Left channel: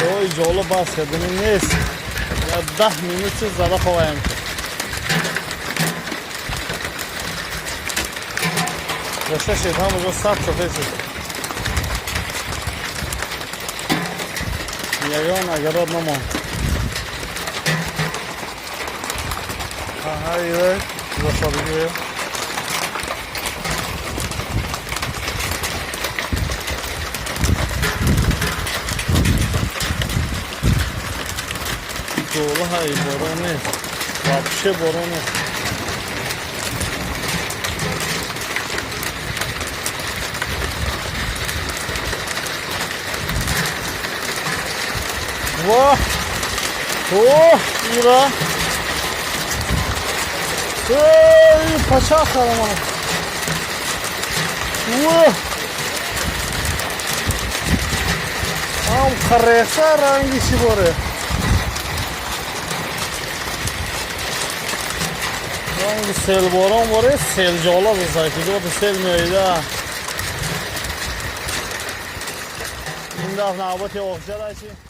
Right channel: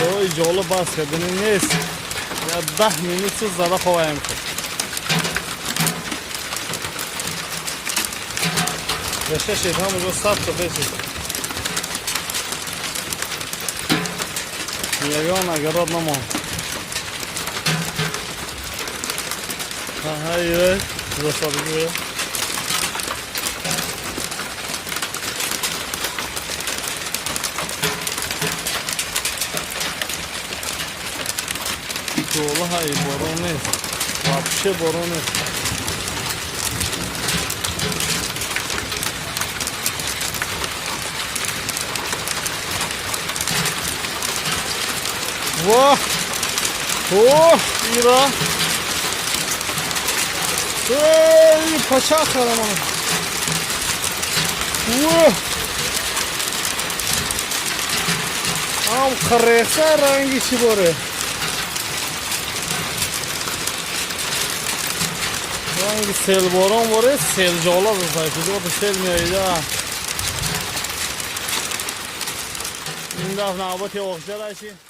اوی جالب بسته bunun نیست یا 10 minut زده خواهیم کرد رشته شید همونجا ثبت بشید یایان اگراد نمان ها ایره رشته بگیره جوله های بارون نیست вообще بارون نیست واه اوه ایرا اوه پچه خرمانه اوه هم خریخته رنگی چی باره رنگ سیل باران باره سیل جالا بزنه که دو سیل میایده این دفعه نوبت اخجار هشی